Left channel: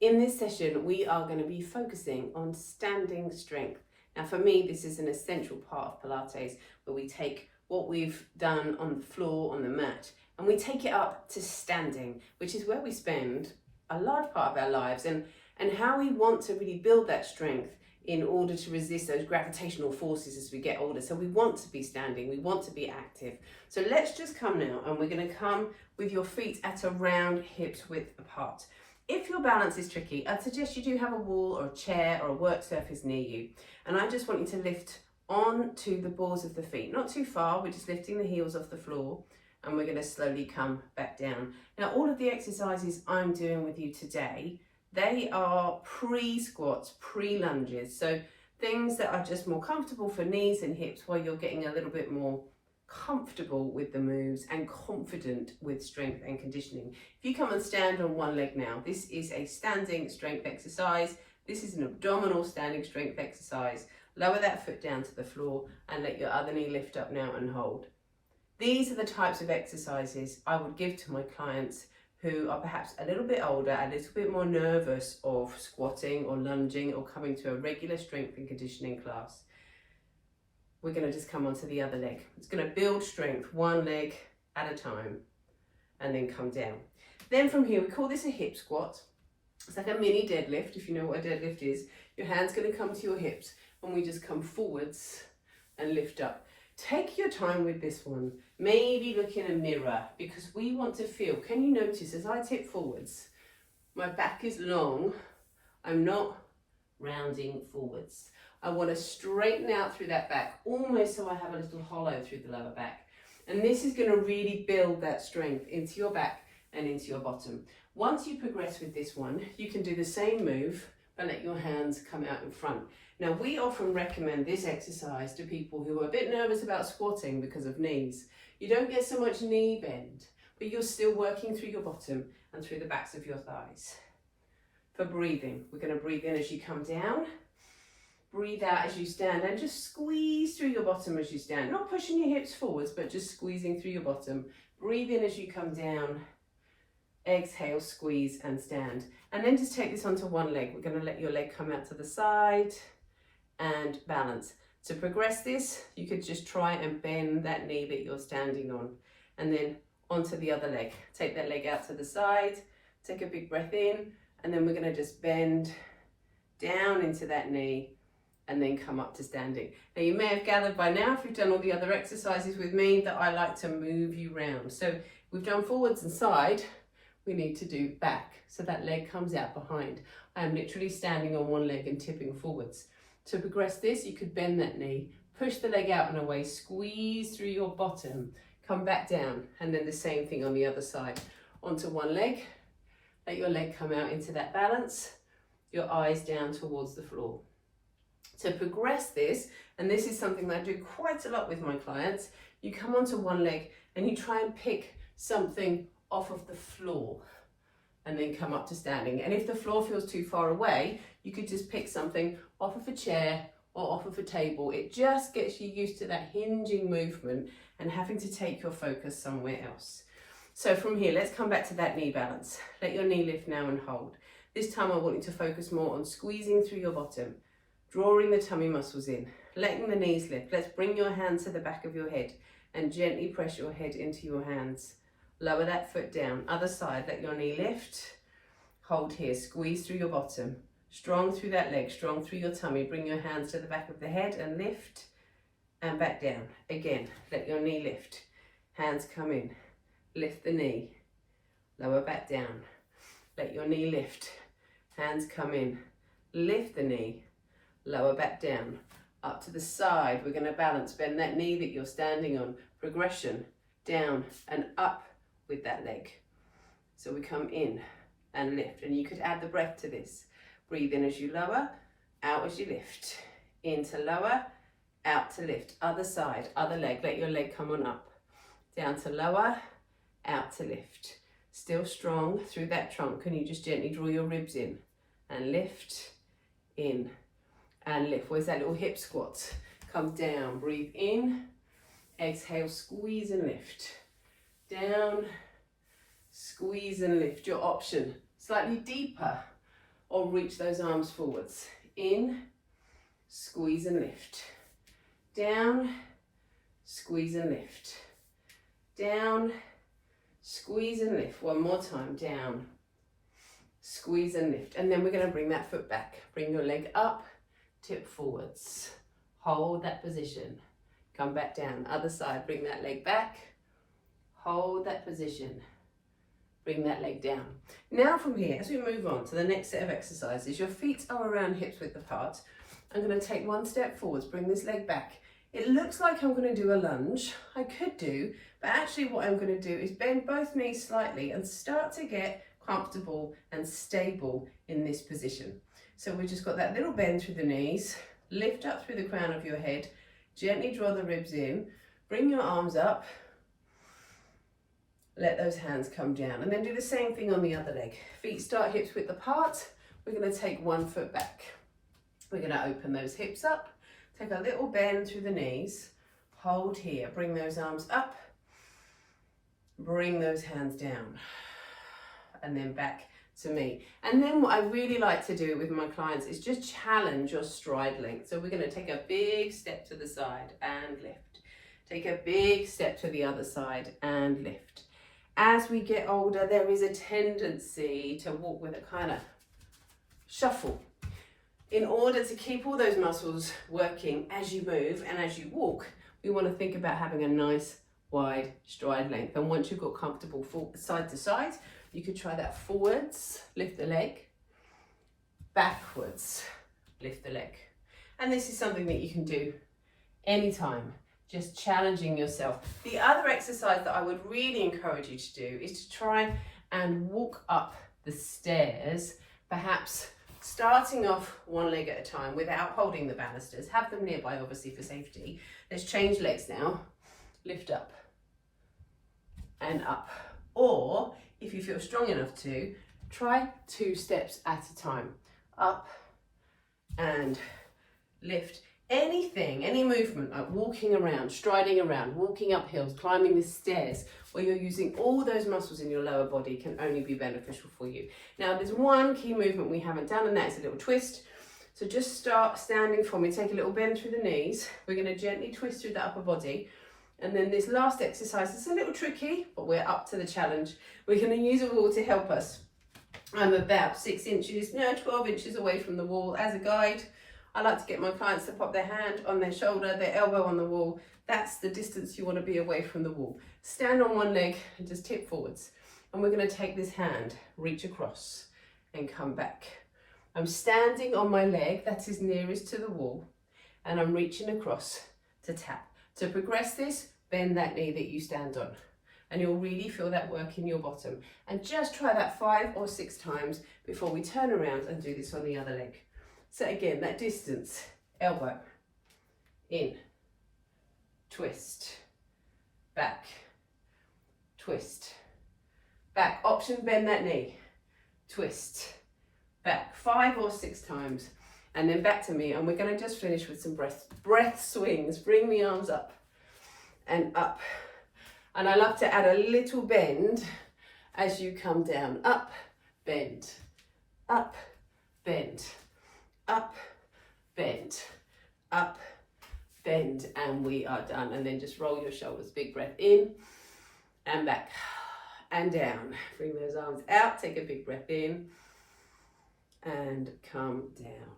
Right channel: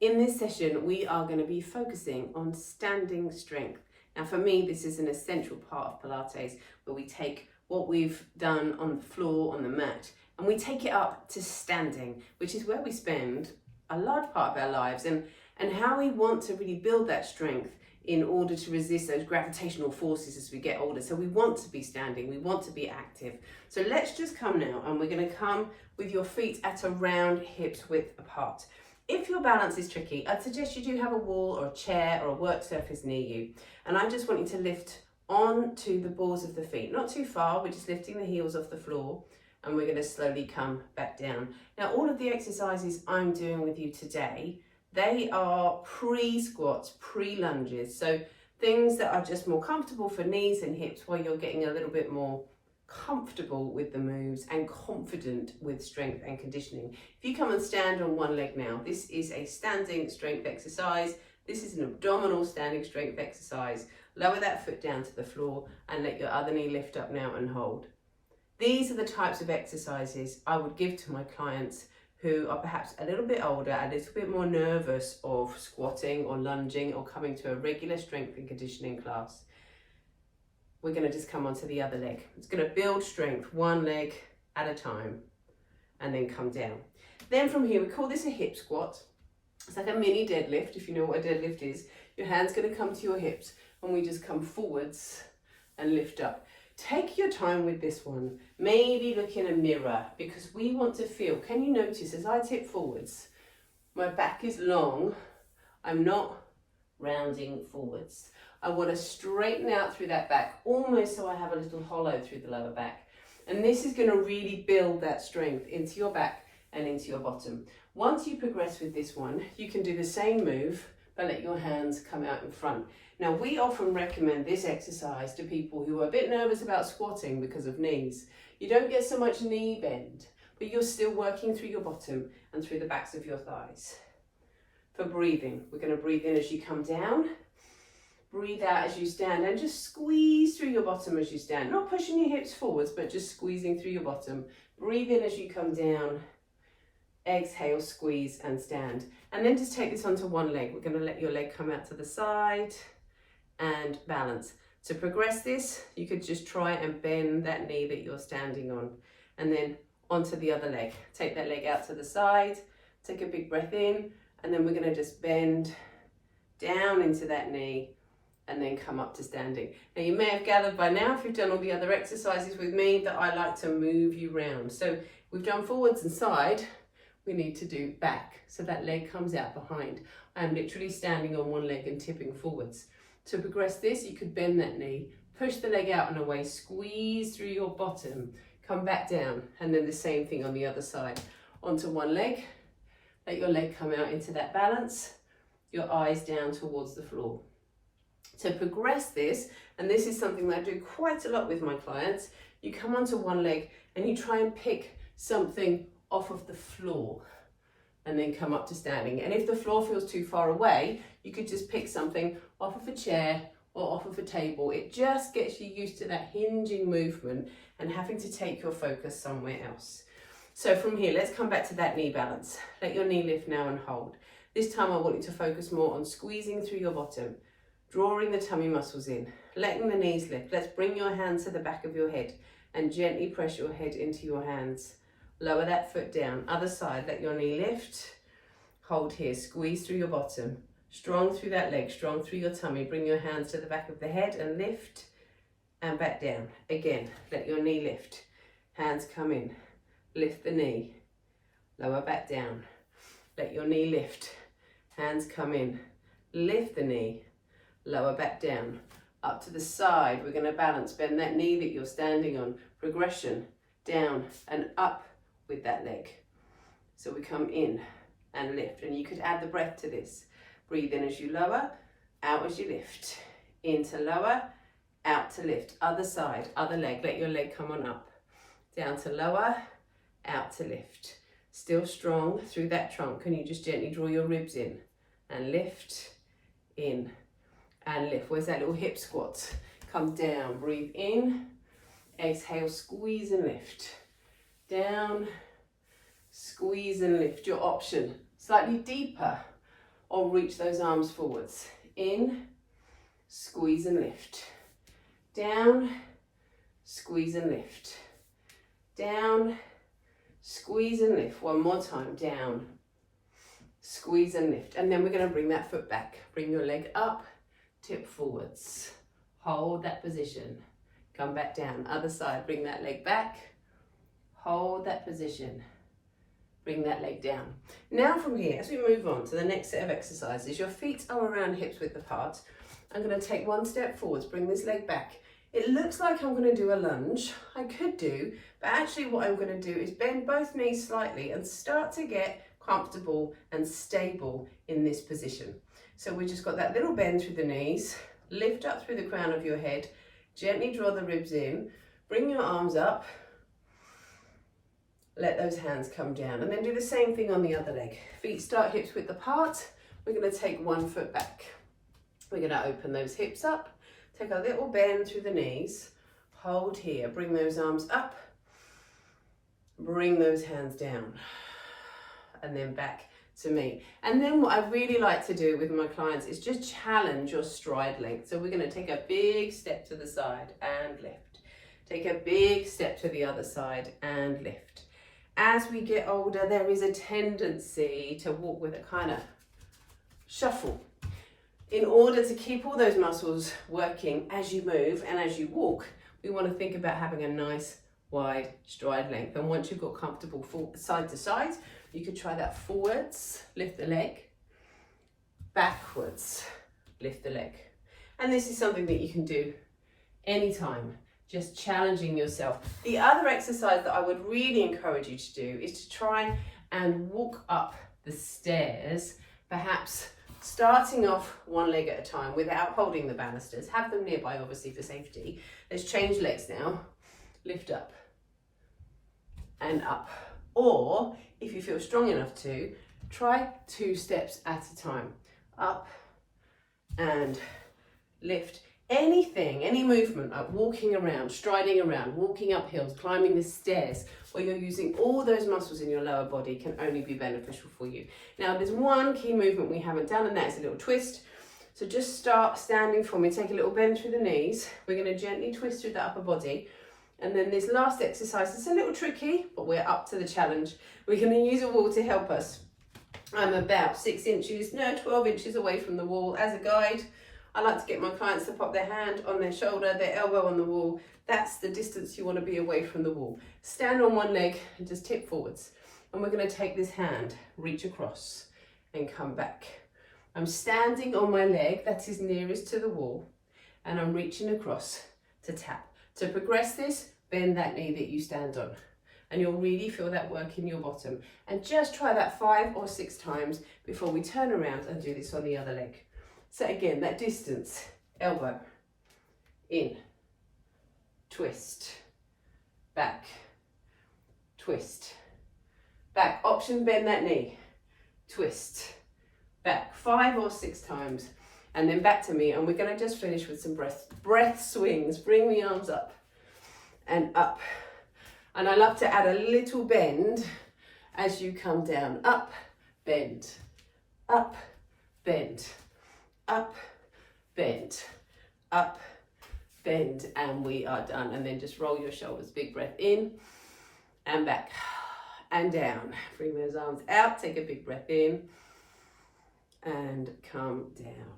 In this session, we are going to be focusing on standing strength. Now, for me, this is an essential part of Pilates, where we take what we've done on the floor, on the mat, and we take it up to standing, which is where we spend a large part of our lives, and how we want to really build that strength in order to resist those gravitational forces as we get older. So we want to be standing, we want to be active. So let's just come now, and we're going to come with your feet at around hips width apart. If your balance is tricky, I'd suggest you do have a wall or a chair or a work surface near you. And I just want you to lift onto the balls of the feet, not too far. We're just lifting the heels off the floor, and we're going to slowly come back down. Now, all of the exercises I'm doing with you today, they are pre-squats, pre-lunges. So things that are just more comfortable for knees and hips, while you're getting a little bit more comfortable with the moves and confident with strength and conditioning. If you come and stand on one leg now, this is a standing strength exercise. This is an abdominal standing strength exercise. Lower that foot down to the floor and let your other knee lift up now and hold. These are the types of exercises I would give to my clients who are perhaps a little bit older, a little bit more nervous of squatting or lunging or coming to a regular strength and conditioning class. We're going to just come onto the other leg. It's going to build strength one leg at a time and then come down. Then from here, we call this a hip squat. It's like a mini deadlift, if you know what a deadlift is. Your hand's going to come to your hips, and we just come forwards and lift up. Take your time with this one. Maybe look in a mirror, because we want to feel, can you notice as I tip forwards, my back is long, I'm not rounding forwards. I want to straighten out through that back, almost so I have a little hollow through the lower back. And this is going to really build that strength into your back and into your bottom. Once you progress with this one, you can do the same move, but let your hands come out in front. Now, we often recommend this exercise to people who are a bit nervous about squatting because of knees. You don't get so much knee bend, but you're still working through your bottom and through the backs of your thighs. For breathing, we're going to breathe in as you come down. Breathe out as you stand, and just squeeze through your bottom as you stand. Not pushing your hips forwards, but just squeezing through your bottom. Breathe in as you come down. Exhale, squeeze and stand. And then just take this onto one leg. We're going to let your leg come out to the side and balance. To progress this, you could just try and bend that knee that you're standing on, and then onto the other leg. Take that leg out to the side. Take a big breath in, and then we're going to just bend down into that knee and then come up to standing. Now, you may have gathered by now, if you've done all the other exercises with me, that I like to move you round. So we've done forwards and side, we need to do back. So that leg comes out behind. I am literally standing on one leg and tipping forwards. To progress this, you could bend that knee, push the leg out and away, squeeze through your bottom, come back down, and then the same thing on the other side. Onto one leg, let your leg come out into that balance, your eyes down towards the floor. To progress this, and this is something that I do quite a lot with my clients, you come onto one leg and you try and pick something off of the floor and then come up to standing. And if the floor feels too far away, you could just pick something off of a chair or off of a table. It just gets you used to that hinging movement and having to take your focus somewhere else. So from here, let's come back to that knee balance. Let your knee lift now and hold. This time I want you to focus more on squeezing through your bottom, drawing the tummy muscles in, letting the knees lift. Let's bring your hands to the back of your head and gently press your head into your hands. Lower that foot down. Other side, let your knee lift. Hold here, squeeze through your bottom. Strong through that leg, strong through your tummy. Bring your hands to the back of the head and lift and back down. Again, let your knee lift. Hands come in. Lift the knee. Lower back down. Let your knee lift. Hands come in. Lift the knee. Lower back down, up to the side. We're going to balance, bend that knee that you're standing on. Progression, down and up with that leg. So we come in and lift, and you could add the breath to this. Breathe in as you lower, out as you lift. In to lower, out to lift. Other side, other leg, let your leg come on up. Down to lower, out to lift. Still strong through that trunk. Can you just gently draw your ribs in and lift, in and lift. Where's that little hip squat? Come down, breathe in, exhale, squeeze and lift. Down, squeeze and lift. Your option, slightly deeper or reach those arms forwards. In, squeeze and lift. Down, squeeze and lift. Down, squeeze and lift. One more time. Down, squeeze and lift. And then we're going to bring that foot back. Bring your leg up, tip forwards. Hold that position. Come back down. Other side. Bring that leg back. Hold that position. Bring that leg down. Now from here, as we move on to the next set of exercises, your feet are around hips width apart. I'm going to take one step forwards, bring this leg back. It looks like I'm going to do a lunge. I could do, but actually what I'm going to do is bend both knees slightly and start to get comfortable and stable in this position. So we just got that little bend through the knees, lift up through the crown of your head, gently draw the ribs in, bring your arms up, let those hands come down, and then do the same thing on the other leg. Feet start hips width apart. We're going to take one foot back. We're going to open those hips up, take a little bend through the knees, hold here, bring those arms up, bring those hands down, and then back to me. And then what I really like to do with my clients is just challenge your stride length. So we're going to take a big step to the side and lift. Take a big step to the other side and lift. As we get older, there is a tendency to walk with a kind of shuffle. In order to keep all those muscles working as you move and as you walk, we want to think about having a nice wide stride length. And once you've got comfortable side to side, you could try that forwards, lift the leg, backwards, lift the leg. And this is something that you can do anytime, just challenging yourself. The other exercise that I would really encourage you to do is to try and walk up the stairs, perhaps starting off one leg at a time without holding the banisters. Have them nearby, obviously, for safety. Let's change legs now. Lift up and up. Or, if you feel strong enough to, try 2 steps at a time. Up and lift. Anything, any movement, like walking around, striding around, walking up hills, climbing the stairs, where you're using all those muscles in your lower body can only be beneficial for you. Now, there's one key movement we haven't done, and that is a little twist. So just start standing for me, take a little bend through the knees. We're going to gently twist through the upper body. And then this last exercise, it's a little tricky, but we're up to the challenge. We're going to use a wall to help us. I'm about 12 inches away from the wall as a guide. I like to get my clients to pop their hand on their shoulder, their elbow on the wall. That's the distance you want to be away from the wall. Stand on one leg and just tip forwards. And we're going to take this hand, reach across and come back. I'm standing on my leg that is nearest to the wall, and I'm reaching across to tap. To progress this, bend that knee that you stand on, and you'll really feel that work in your bottom. And just try that 5 or 6 times before we turn around and do this on the other leg. So again, that distance, elbow, in, twist, back, twist, back. Option, bend that knee, twist, back. 5 or 6 times, and then back to me. And we're going to just finish with some breath swings. Bring the arms up and up. And I love to add a little bend as you come down. Up, bend, up, bend. Up, bend, up, bend, and we are done. And then just roll your shoulders, big breath in and back and down. Bring those arms out, take a big breath in and come down.